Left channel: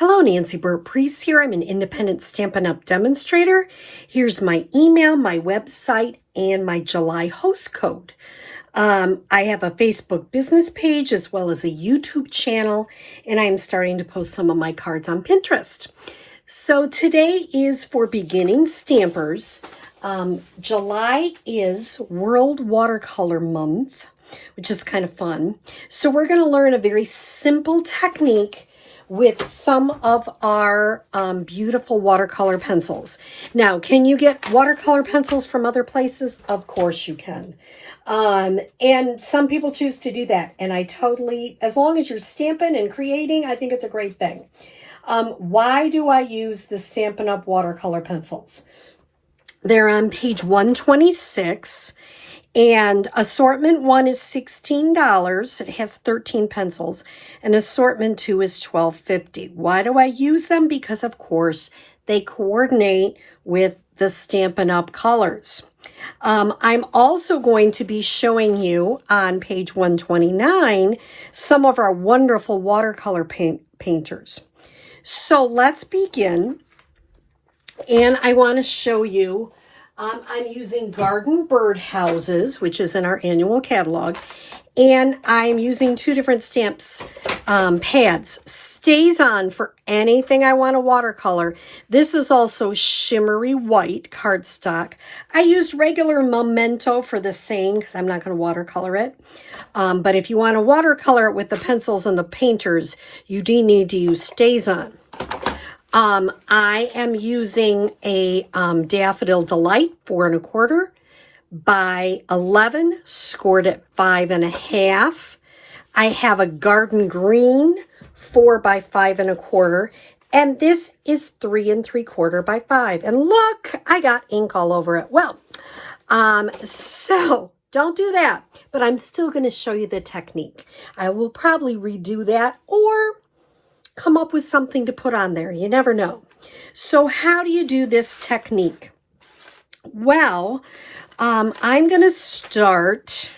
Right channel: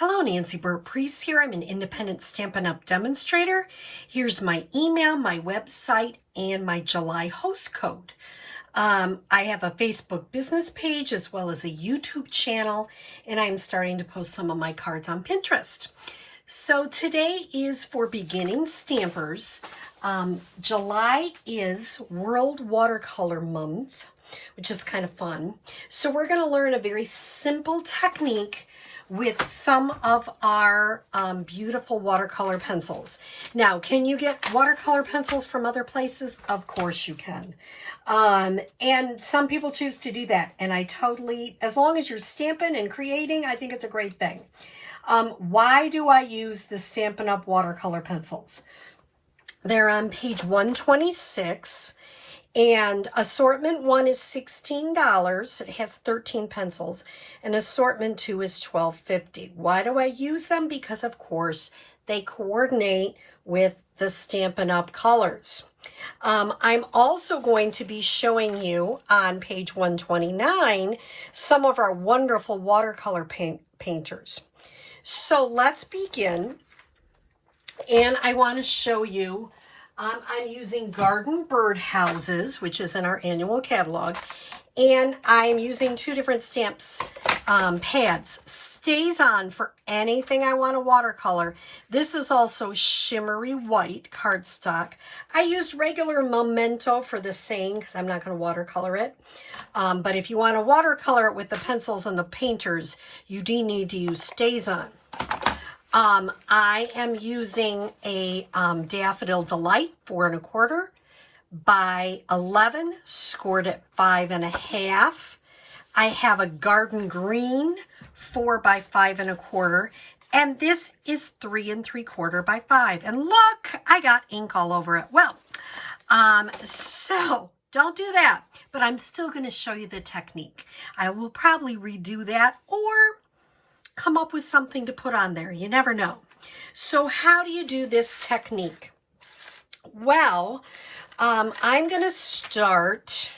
Hello, Nancy Burt-Preece here. I'm an independent Stampin' Up! Demonstrator. Here's my email, my website, and my July host code. I have a Facebook business page as well as a YouTube channel, and I'm starting to post some of my cards on Pinterest. So today is for beginning stampers. July is World Watercolor Month, which is kind of fun. So we're going to learn a very simple technique with some of our beautiful watercolor pencils. Now, can you get watercolor pencils from other places? Of course you can. And some people choose to do that. And I totally, as long as you're stamping and creating, I think it's a great thing. Why do I use the Stampin' Up! Watercolor pencils? They're on page 126. And assortment 1 is $16. It has 13 pencils. And assortment 2 is $12.50. Why do I use them? Because, of course, they coordinate with the Stampin' Up! Colors. I'm also going to be showing you on page 129 some of our wonderful watercolor painters. So let's begin. And I want to show you, I'm using Garden Bird Houses, which is in our annual catalog. And I'm using 2 different stamps, pads. Stays on for anything I want to watercolor. This is also shimmery white cardstock. I used regular Memento for the saying because I'm not going to watercolor it. But if you want to watercolor it with the pencils and the painters, you do need to use Stays On. I am using a Daffodil Delight 4 1/4 by 11, scored at 5 1/2. I have a Garden Green 4 by 5 1/4, and this is 3 3/4 by 5. And look, I got ink all over it. Well, so don't do that, but I'm still going to show you the technique. I will probably redo that or come up with something to put on there. You never know. So how do you do this technique? Well, I'm going to start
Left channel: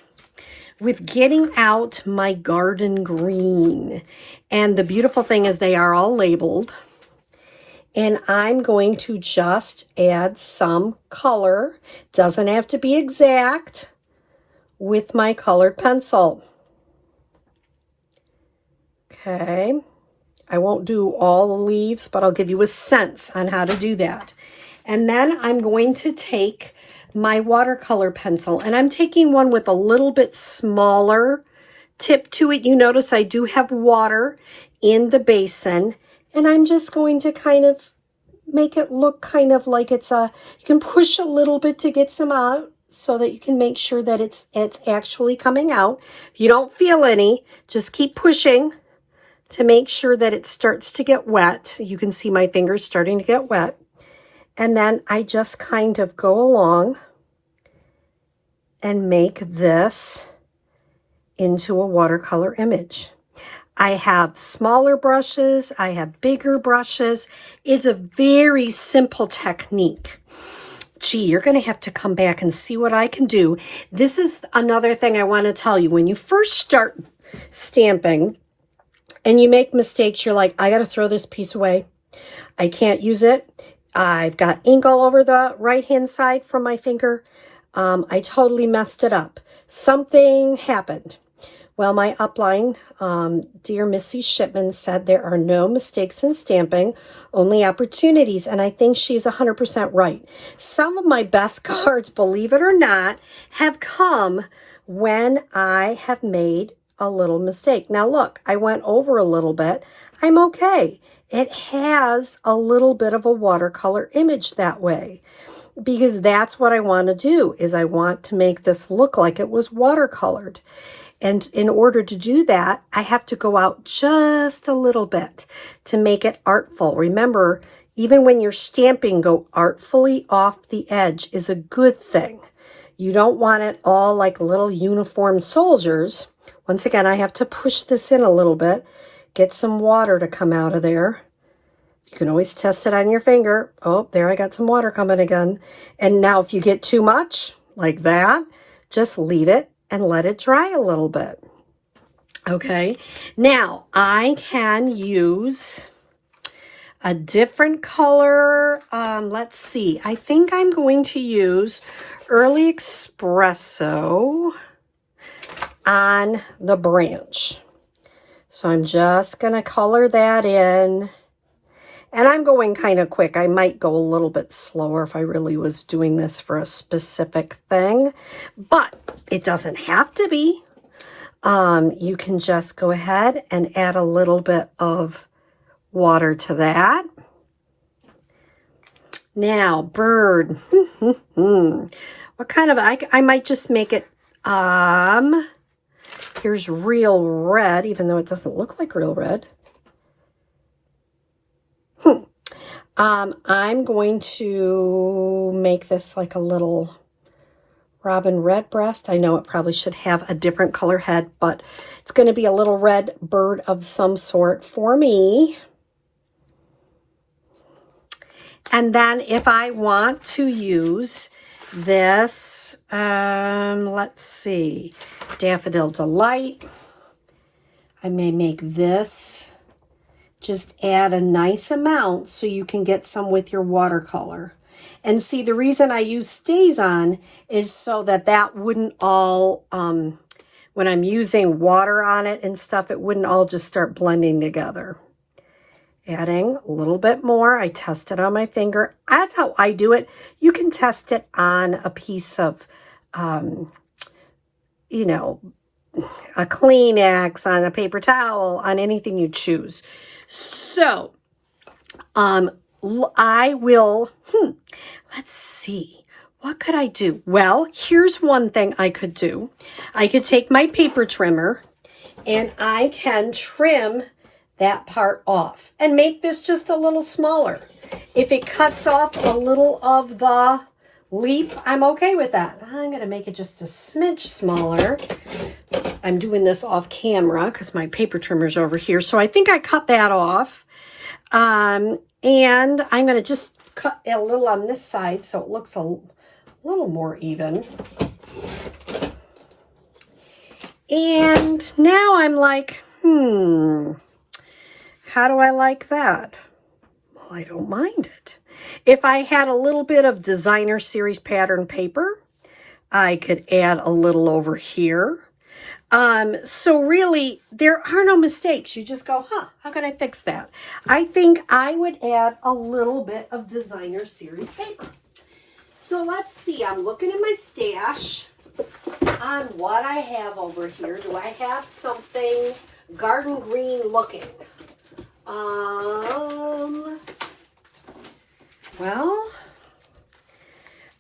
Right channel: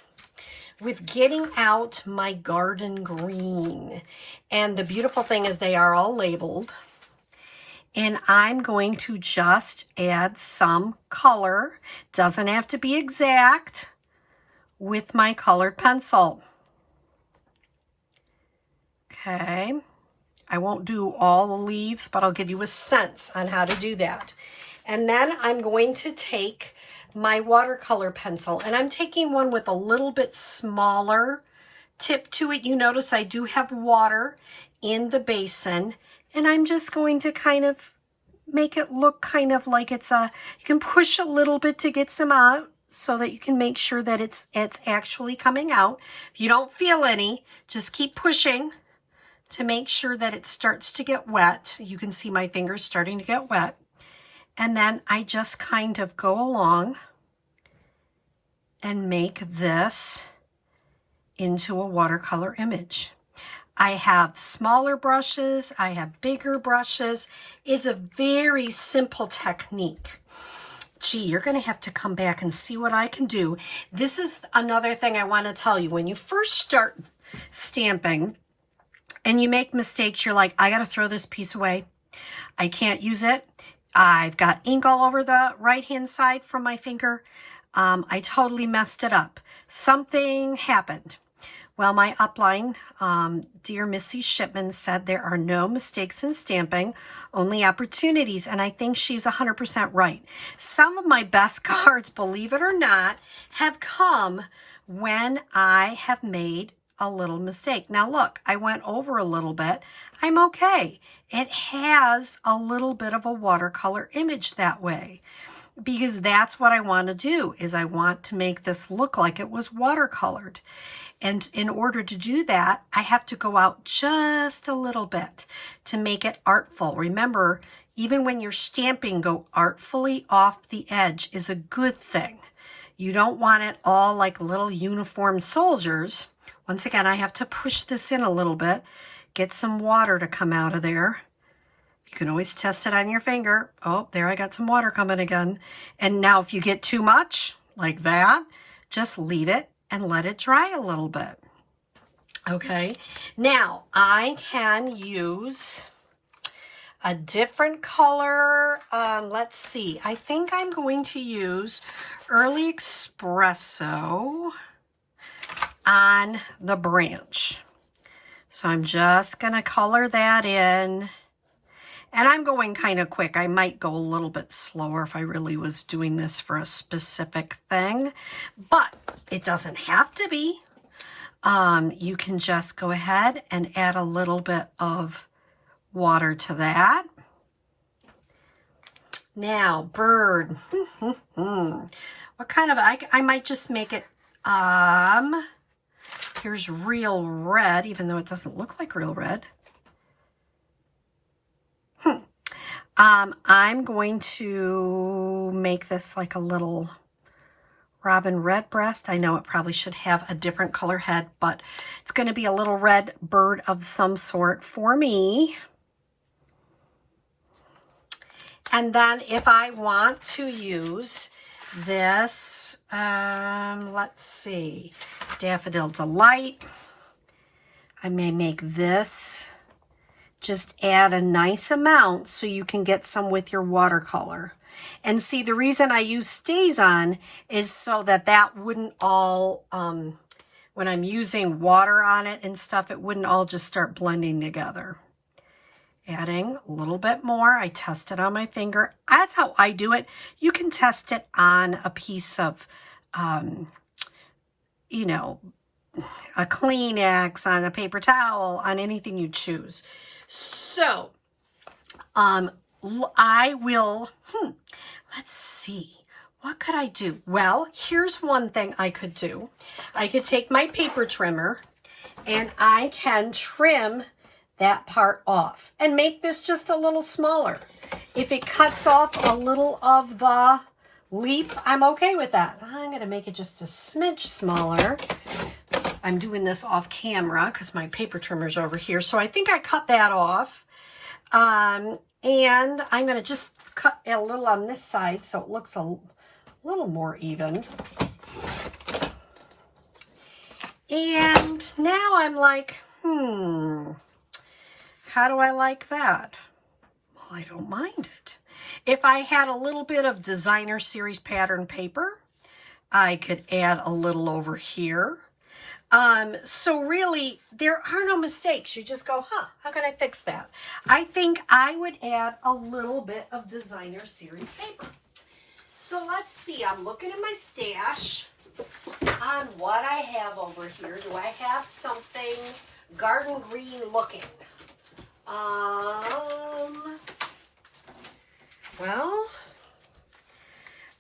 with getting out my Garden Green. And the beautiful thing is they are all labeled. And I'm going to just add some color. Doesn't have to be exact with my colored pencil. Okay. I won't do all the leaves, but I'll give you a sense on how to do that. And then I'm going to take my watercolor pencil, and I'm taking one with a little bit smaller tip to it. You notice I do have water in the basin, and I'm just going to kind of make it look kind of like it's you can push a little bit to get some out so that you can make sure that it's actually coming out. If you don't feel any, just keep pushing to make sure that it starts to get wet. You can see my fingers starting to get wet. And then I just kind of go along and make this into a watercolor image. I have smaller brushes. I have bigger brushes. It's a very simple technique. Gee, you're going to have to come back and see what I can do. This is another thing I want to tell you. When you first start stamping and you make mistakes, you're like, I got to throw this piece away. I can't use it. I've got ink all over the right-hand side from my finger. I totally messed it up. Something happened. Well, my upline, dear Missy Shipman, said there are no mistakes in stamping, only opportunities. And I think she's 100% right. Some of my best cards, believe it or not, have come when I have made a little mistake. Now, look, I went over a little bit. I'm okay. It has a little bit of a watercolor image that way because that's what I want to do is I want to make this look like it was watercolored. And in order to do that, I have to go out just a little bit to make it artful. Remember, even when you're stamping, go artfully off the edge is a good thing. You don't want it all like little uniformed soldiers. Once again, I have to push this in a little bit. Get some water to come out of there. You can always test it on your finger. Oh, there I got some water coming again. And now if you get too much like that, just leave it and let it dry a little bit. Okay, now I can use a different color. Let's see. I think I'm going to use Early Espresso on the branch. So I'm just going to color that in. And I'm going kind of quick. I might go a little bit slower if I really was doing this for a specific thing. But it doesn't have to be. You can just go ahead and add a little bit of water to that. Now, bird. What kind of, I might just make it, here's real red, even though it doesn't look like real red. I'm going to make this like a little robin redbreast. I know it probably should have a different color head, but it's going to be a little red bird of some sort for me. And then if I want to use this, let's see, Daffodil Delight, I may make this. Just add a nice amount so you can get some with your watercolor. And see, the reason I use Stays On is so that that wouldn't all, when I'm using water on it and stuff, it wouldn't all just start blending together. Adding a little bit more. I test it on my finger. That's how I do it. You can test it on a piece of, you know, a Kleenex, on a paper towel, on anything you choose. So, I will, let's see, what could I do? Well, here's one thing I could do. I could take my paper trimmer and I can trim that part off and make this just a little smaller. If it cuts off a little of the leaf, I'm okay with that. I'm going to make it just a smidge smaller. I'm doing this off camera because my paper trimmer's over here. So I think I cut that off. And I'm going to just cut a little on this side so it looks a little more even. And now I'm like, how do I like that? Well, I don't mind it. If I had a little bit of designer series pattern paper, I could add a little over here. So really, there are no mistakes. You just go, how can I fix that? I think I would add a little bit of designer series paper. So let's see, I'm looking in my stash on what I have over here. Do I have something garden green looking? Well,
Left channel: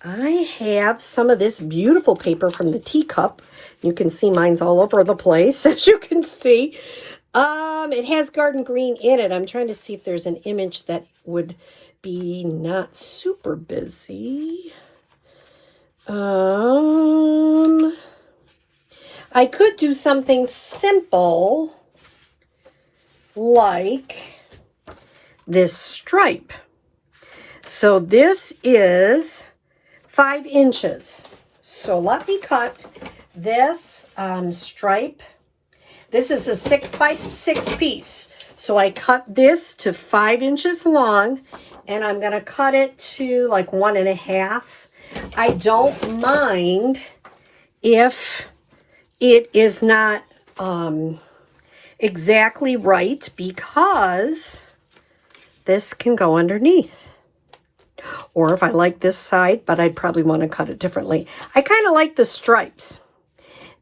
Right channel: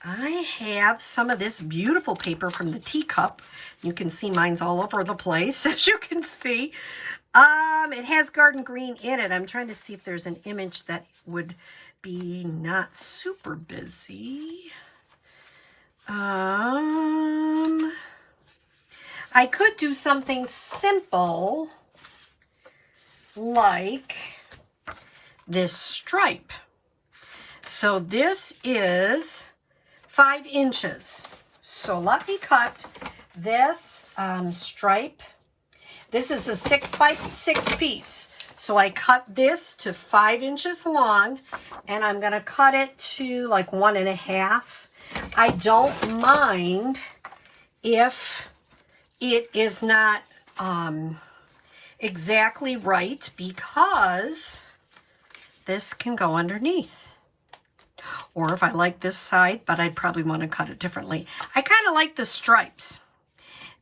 I have some of this beautiful paper from the teacup. You can see mine's all over the place, as you can see. It has garden green in it. I'm trying to see if there's an image that would be not super busy. I could do something simple like this stripe. So this is 5 inches. So let me cut this stripe. This is a 6x6 piece. So I cut this to 5 inches long, and I'm going to cut it to like 1.5. I don't mind if it is not exactly right, because this can go underneath. Or if I like this side, but I'd probably want to cut it differently. I kind of like the stripes.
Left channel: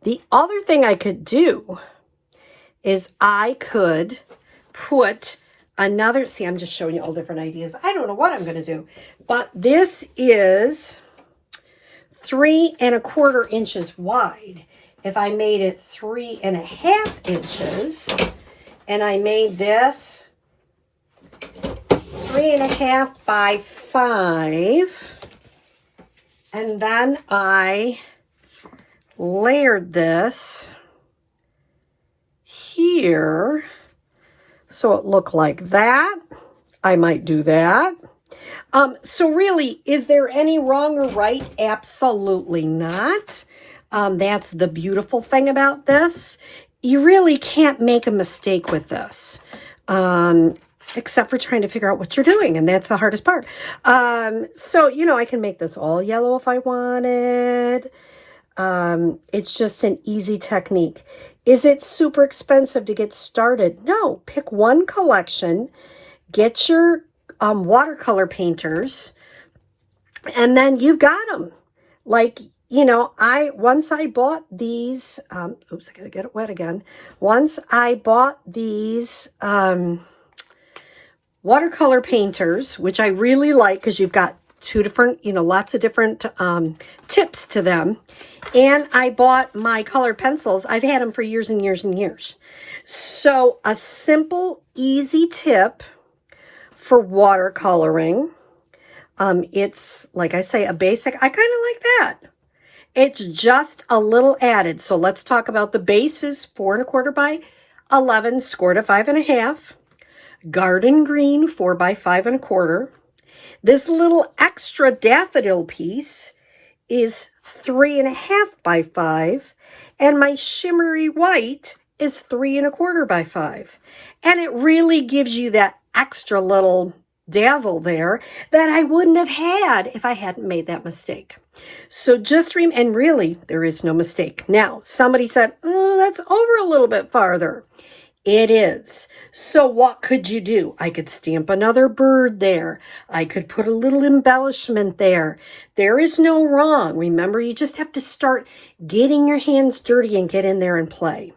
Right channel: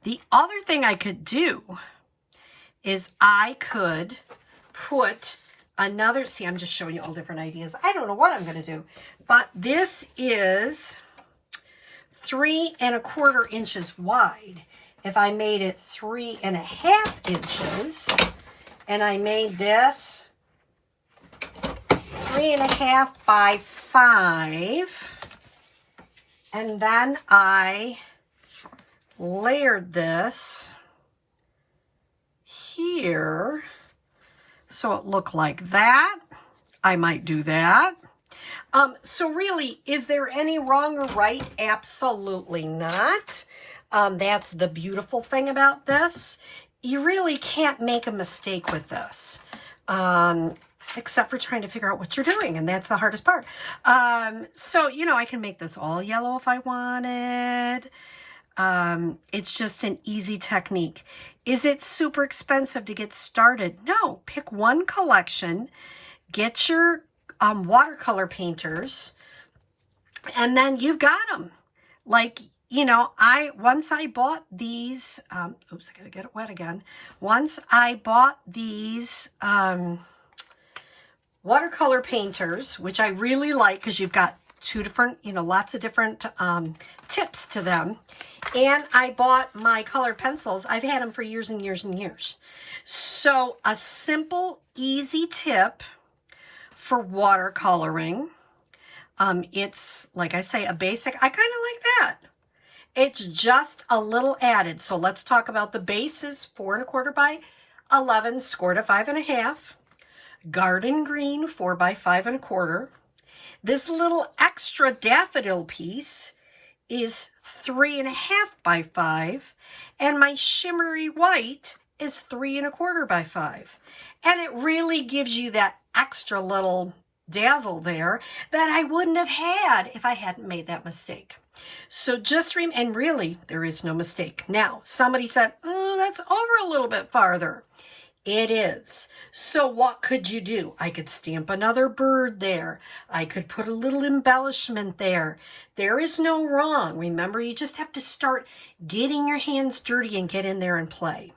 The other thing I could do is I could put another, see, I'm just showing you all different ideas. I don't know what I'm going to do, but this is 3¼ inches wide. If I made it 3½ inches and I made this 3½ by 5, and then I layered this here so it looked like that, I might do that. So really, is there any wrong or right? Absolutely not. That's the beautiful thing about this. You really can't make a mistake with this. except for trying to figure out what you're doing, and that's the hardest part. So, you know, I can make this all yellow if I wanted. It's just an easy technique. Is it super expensive to get started? No, pick one collection, get your watercolor painters, and then you've got them. Like, you know, once I bought these, oops, I gotta get it wet again. Once I bought these watercolor painters, which I really like because you've got two different, you know, lots of different tips to them. And I bought my colored pencils. I've had them for years and years and years. So a simple, easy tip for watercoloring. It's, like I say, a basic. I kind of like that. It's just a little added. So let's talk about the base is 4 1/4 by 11, scored at 5 1/2. Garden green 4 by 5 1/4. This little extra daffodil piece is 3 1/2 by 5, and my shimmery white is 3 1/4 by 5. And it really gives you that extra little dazzle there that I wouldn't have had if I hadn't made that mistake. So just and really, there is no mistake. Now, somebody said, oh, that's over a little bit farther. It is. So what could you do? I could stamp another bird there. I could put a little embellishment there. There is no wrong. Remember, you just have to start getting your hands dirty and get in there and play.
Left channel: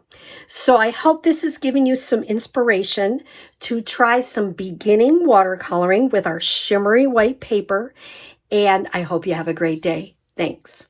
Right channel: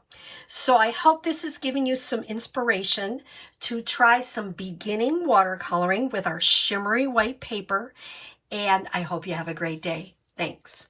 So I hope this is giving you some inspiration to try some beginning watercoloring with our shimmery white paper. And I hope you have a great day. Thanks.